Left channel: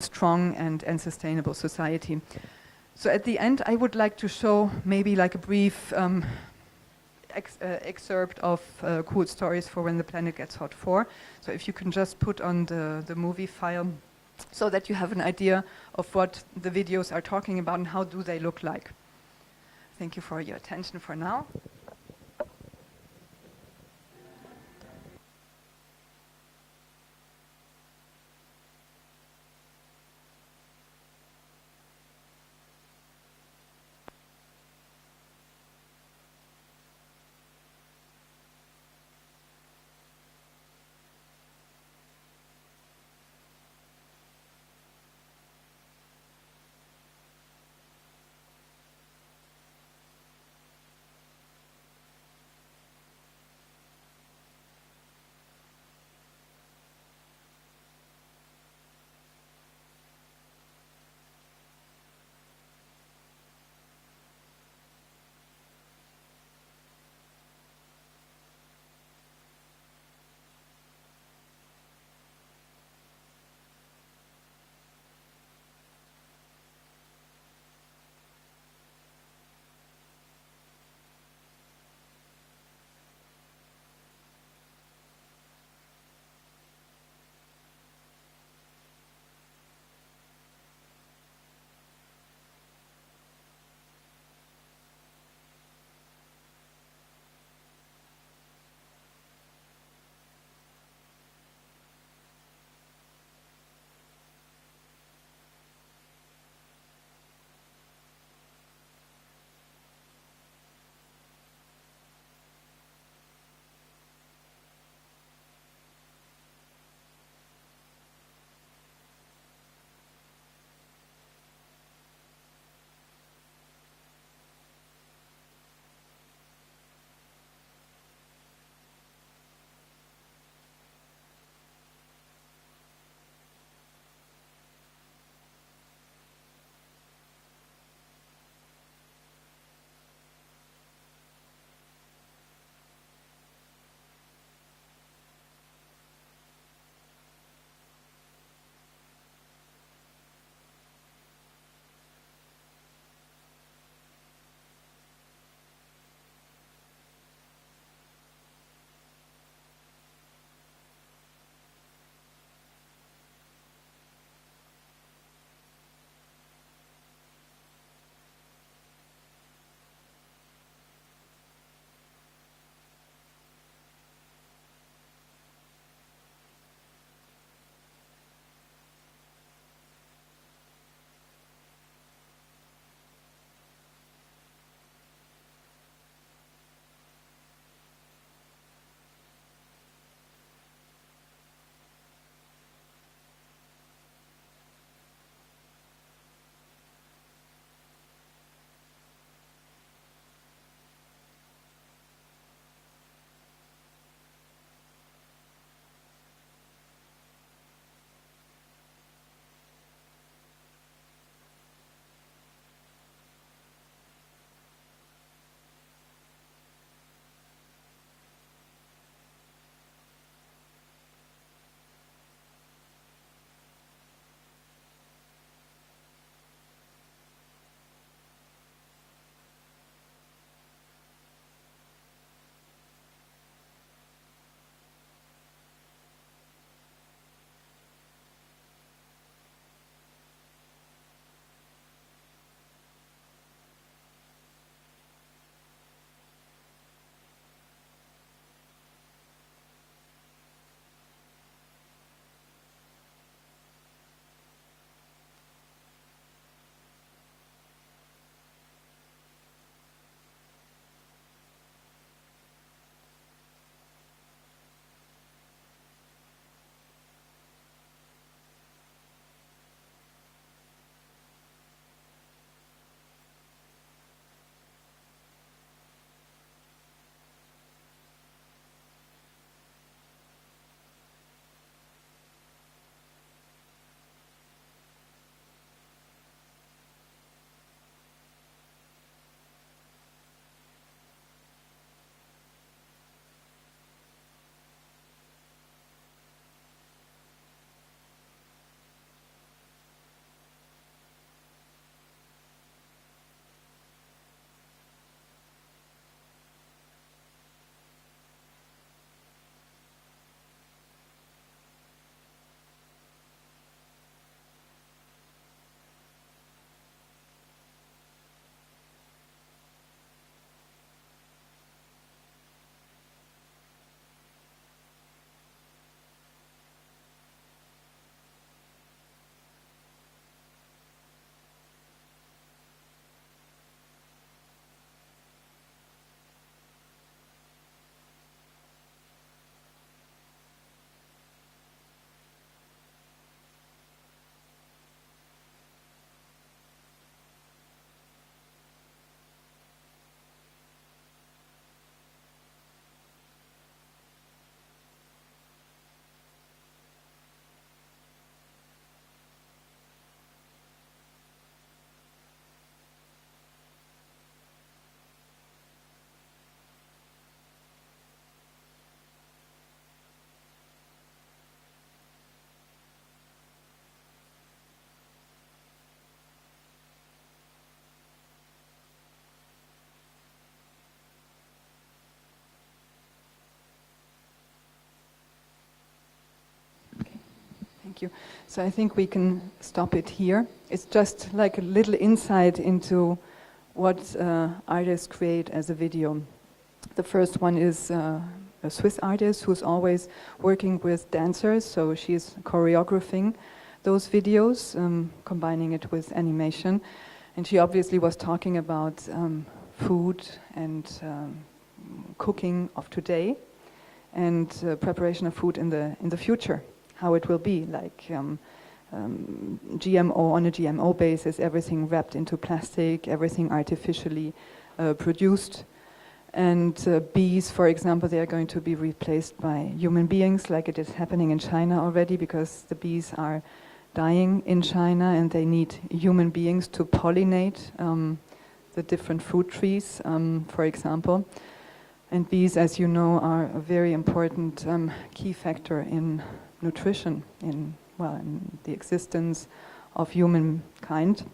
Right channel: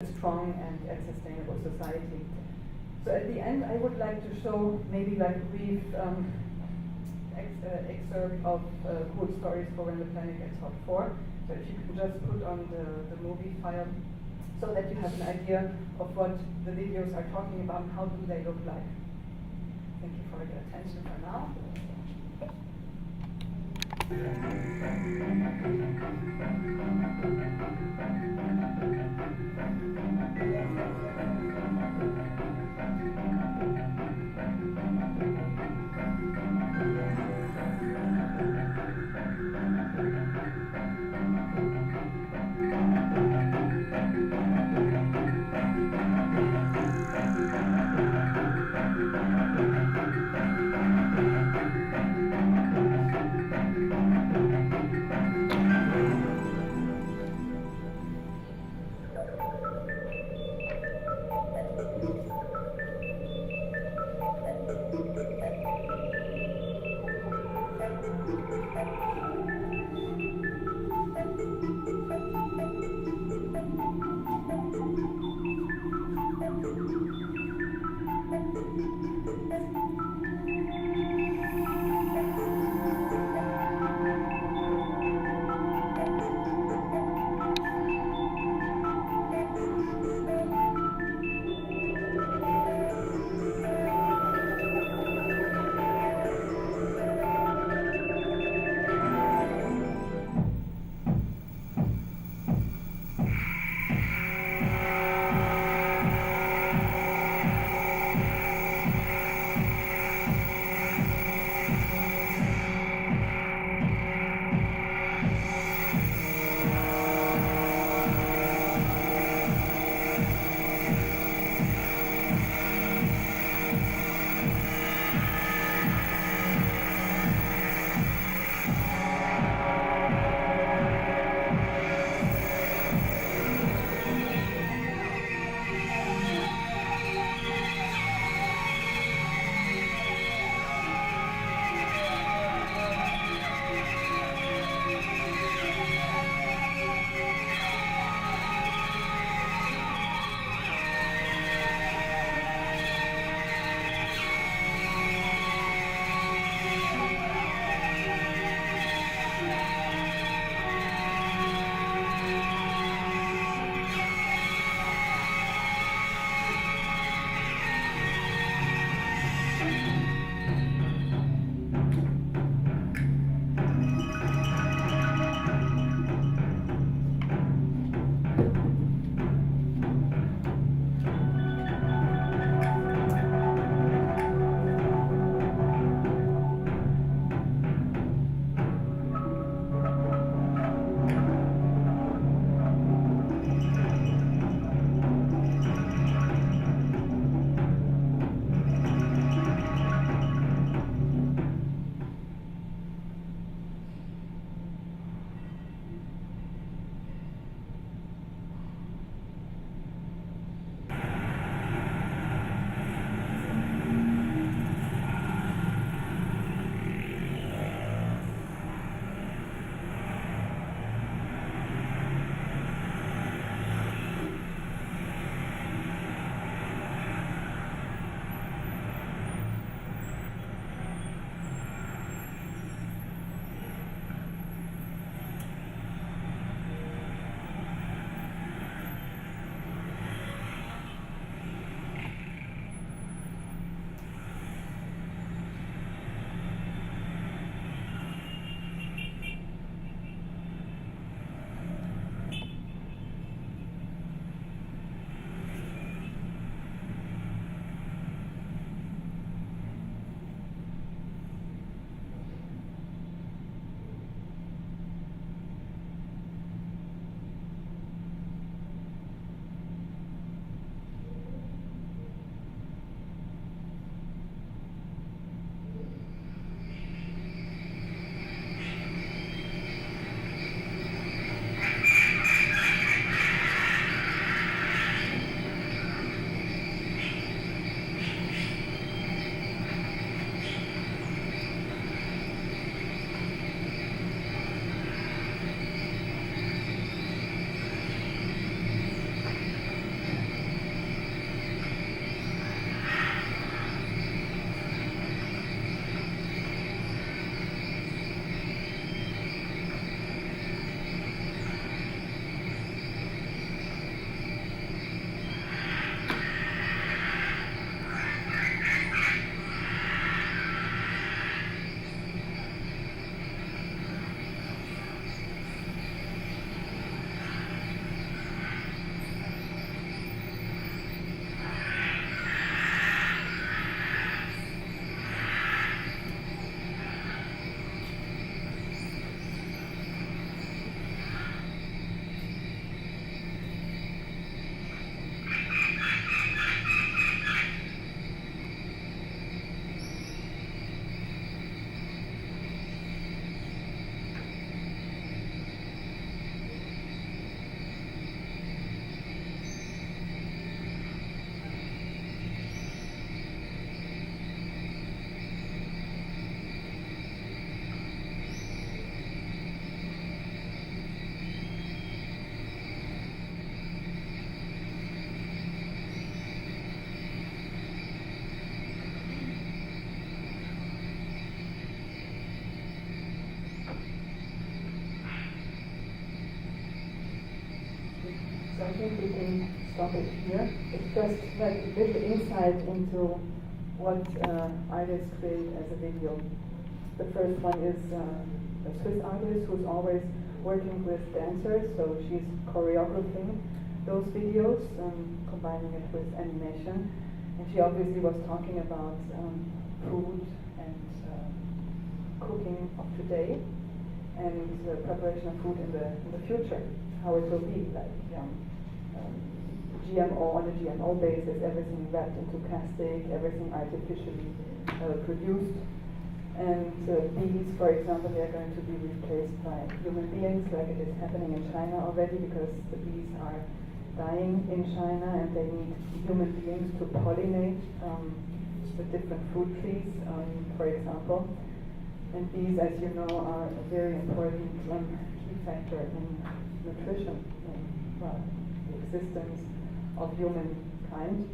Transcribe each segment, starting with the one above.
strong and sustainable society. So at the end, I would like to show maybe like a brief excerpt of Cool Stories for When the Planet Gets Hot 4. So if you can just put on the movie file so that you have an idea of what the videos are talking about and how do they look like. Thank you for your attention for now. So I think we can stop it here. It's just like a little insight into what artists create as a video. The first one is a Swiss artist who's always working with dancers, so she's choreographing those videos, combining it with animation. And she obviously was talking about food and cooking of today and preparation of food in the future, how it will be, like GMO, on a GMO basis, everything wrapped into plastic, everything artificially produced. And bees, for example, they are going to be replaced by human beings, like it is happening in China already, because the bees are dying in China and they need human beings to pollinate the different fruit trees, for example. And bees, as you know, are a very important key factor in nutrition, in the existence of humankind.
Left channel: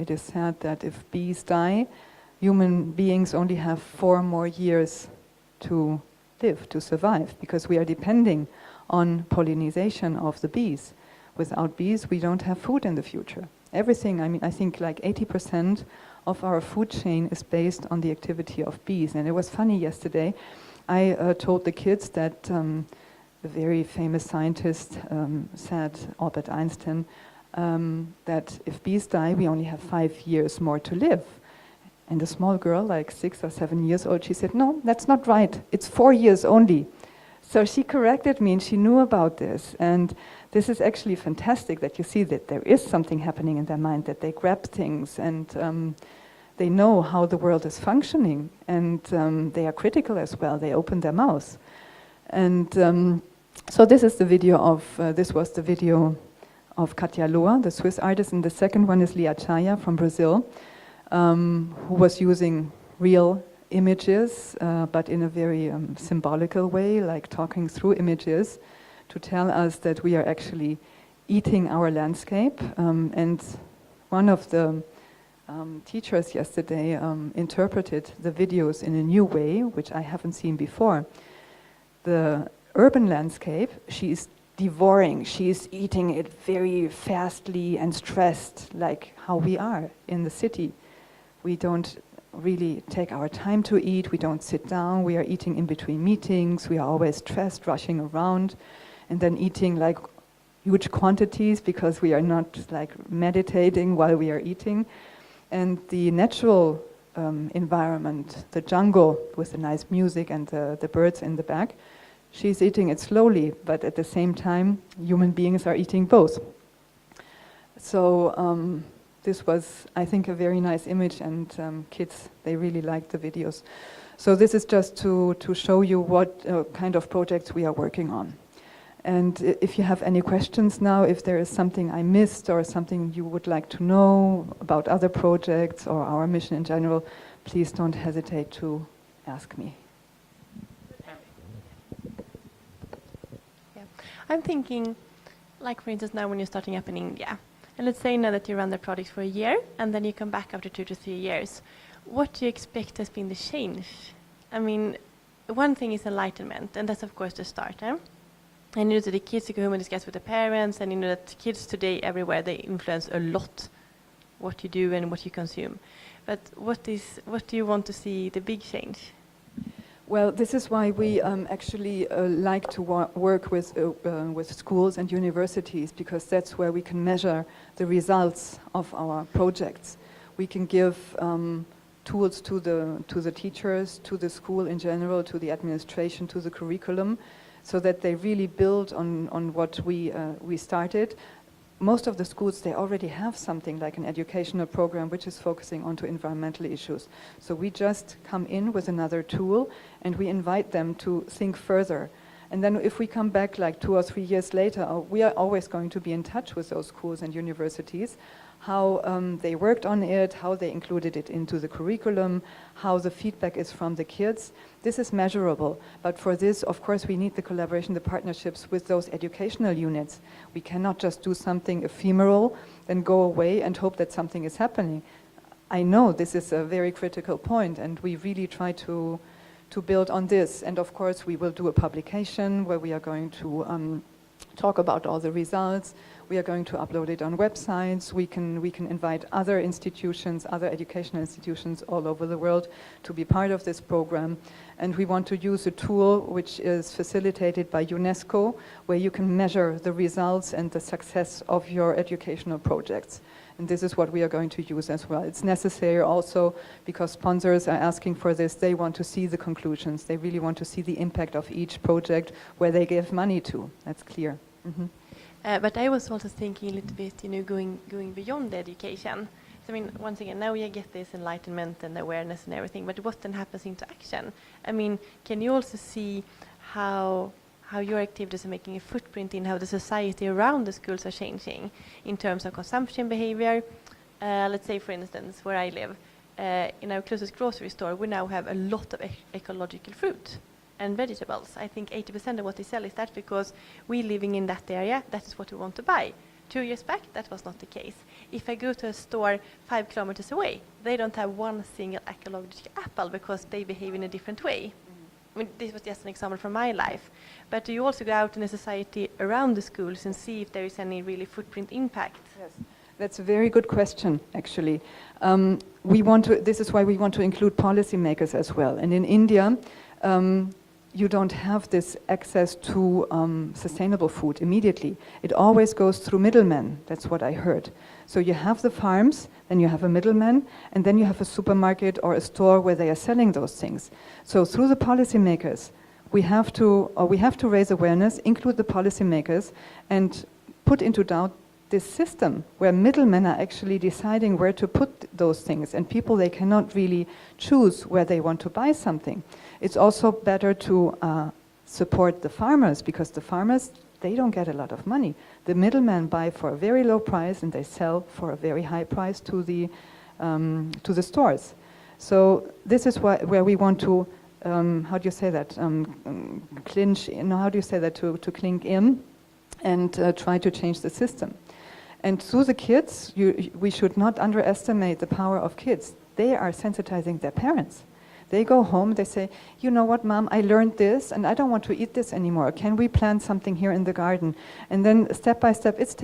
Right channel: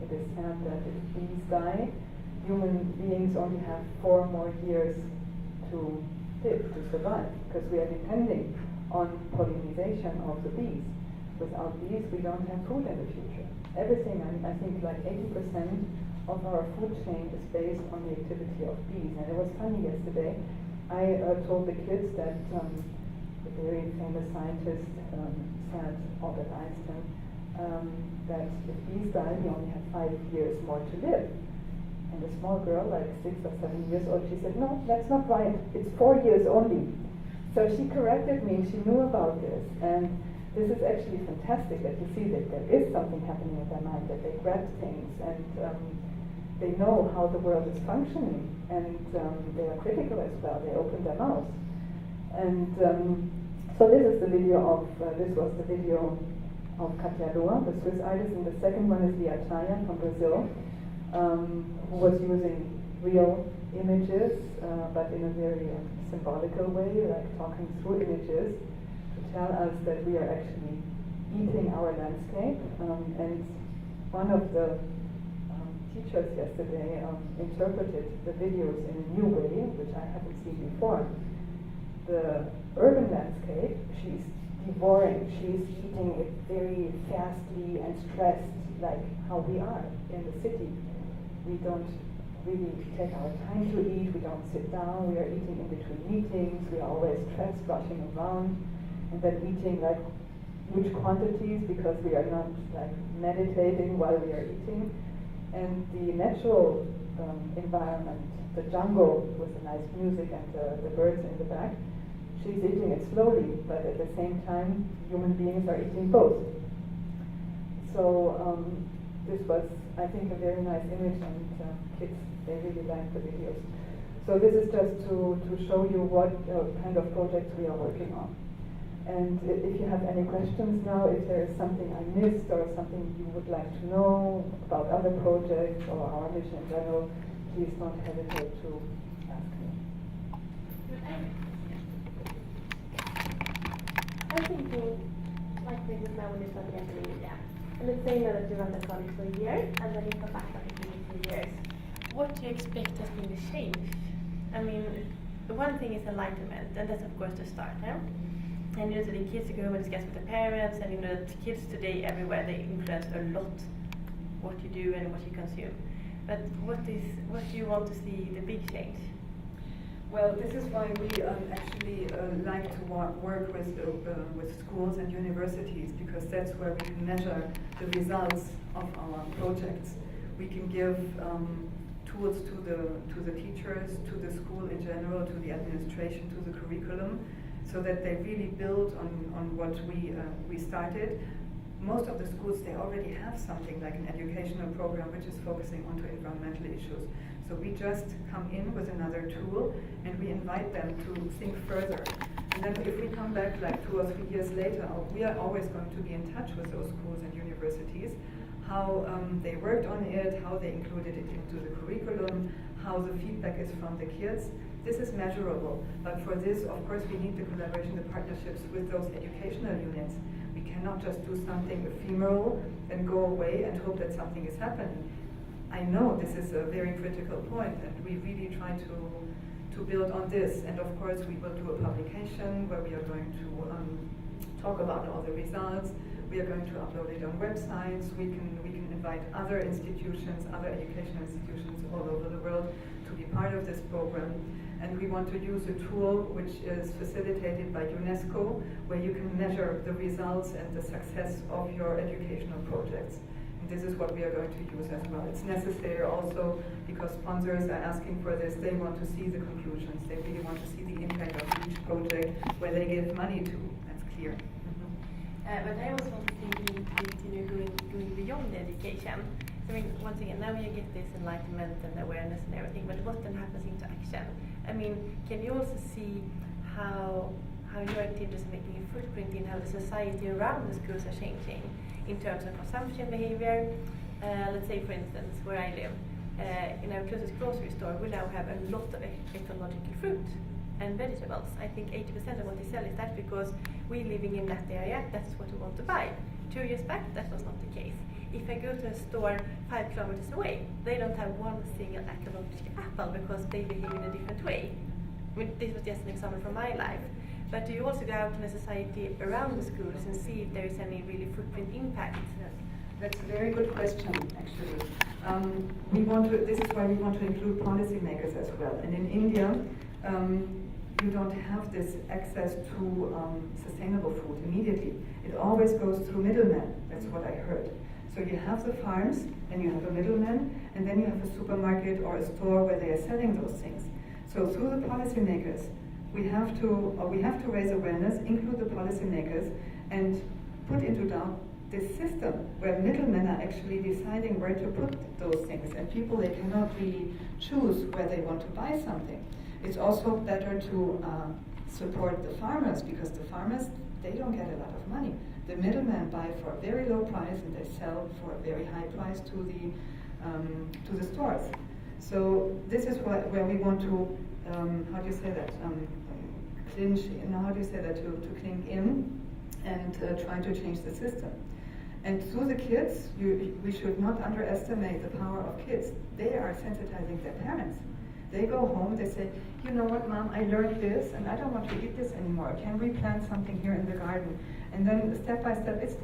It is said that if bees die, human beings only have 4 more years to live, to survive, because we are depending on pollination of the bees. Without bees, we don't have food in the future. Everything, I mean, I think like 80% of our food chain is based on the activity of bees. And it was funny yesterday, I told the kids that the very famous scientist said, Albert Einstein, that if bees die, we only have 5 years more to live. And a small girl, like 6 or 7 years old, she said, no, that's not right. It's 4 years only. So she corrected me and she knew about this. And this is actually fantastic that you see that there is something happening in their mind, that they grab things and they know how the world is functioning. And they are critical as well. They open their mouths. And so this is the video of, this was the video of Katia Loa, the Swiss artist. And the second one is Lia Chaya from Brazil, who was using real images, but in a very symbolical way, like talking through images to tell us that we are actually eating our landscape. And one of the teachers yesterday interpreted the videos in a new way, which I haven't seen before. The urban landscape, she's devouring, she's eating it very fastly and stressed, like how we are in the city. We don't really take our time to eat, we don't sit down, we are eating in between meetings, we are always stressed, rushing around, and then eating like huge quantities because we are not like meditating while we are eating. And the natural environment, the jungle with the nice music and the birds in the back, she's eating it slowly, but at the same time, human beings are eating both. So this was, I think, a very nice image, and kids, they really liked the videos. So this is just to show you what kind of projects we are working on. And if you have any questions now, if there is something I missed or something you would like to know about other projects or our mission in general, please don't hesitate to ask me. I'm thinking, like for instance now when you're starting up in India, and let's say now that you run the project for a year, and then you come back after 2 to 3 years, what do you expect has been the change? I mean, one thing is enlightenment, and that's of course the start. And you know that the kids go home and discuss with the parents, and you know that kids today everywhere, they influence a lot what you do and what you consume. But what do you want to see the big change? Well, this is why we actually like to work with schools and universities, because that's where we can measure the results of our projects. We can give tools to the teachers, to the school in general, to the administration, to the curriculum, so that they really build on what we started. Most of the schools, they already have something like an educational program which is focusing onto environmental issues. So we just come in with another tool and we invite them to think further. And then if we come back like 2 or 3 years later, we are always going to be in touch with those schools and universities, how they worked on it, how they included it into the curriculum, how the feedback is from the kids. This is measurable, but for this, of course, we need the collaboration, the partnerships with those educational units. We cannot just do something ephemeral, then go away and hope that something is happening. I know this is a very critical point, and we really try to build on this. And of course, we will do a publication where we are going talk about all the results. We are going to upload it on websites. We can invite other institutions, other educational institutions all over the world to be part of this program. And we want to use a tool which is facilitated by UNESCO, where you can measure the results and the success of your educational projects. And this is what we are going to use as well. It's necessary also because sponsors are asking for this. They want to see the conclusions. They really want to see the impact of each project where they give money to. That's clear. Mm-hmm. But I was also thinking a little bit, going beyond the education. I mean, once again, now we get this enlightenment and awareness and everything, but what then happens into action? I mean, can you also see how your activities are making a footprint in how the society around the schools are changing in terms of consumption behavior? Let's say, for instance, where I live, in our closest grocery store, we now have a lot of ecological fruit and vegetables. I think 80% of what they sell is that because we living in that area, that's what we want to buy. 2 years back, that was not the case. If I go to a store 5 kilometers away, they don't have one single ecological apple because they behave in a different way. I mean, this was just an example from my life. But do you also go out in the society around the schools and see if there is any really footprint impact? Yes, that's a very good question, actually. This is why we want to include policymakers as well. And in India, you don't have this access to sustainable food immediately. It always goes through middlemen. That's what I heard. So you have the farms, then you have a middleman, and then you have a supermarket or a store where they are selling those things. So through the policymakers, we have to raise awareness, include the policymakers, and put into doubt this system where middlemen are actually deciding where to put those things, and people, they cannot really choose where they want to buy something. It's also better to support the farmers, because the farmers, they don't get a lot of money. The middlemen buy for a very low price and they sell for a very high price to the stores. So this is where we want to, how do you say that, clinch, how do you say that, to clink in and try to change the system. And through the kids, we should not underestimate the power of kids. They are sensitizing their parents. They go home, they say, you know what, Mom, I learned this and I don't want to eat this anymore. Can we plant something here in the garden? And then step by step, it's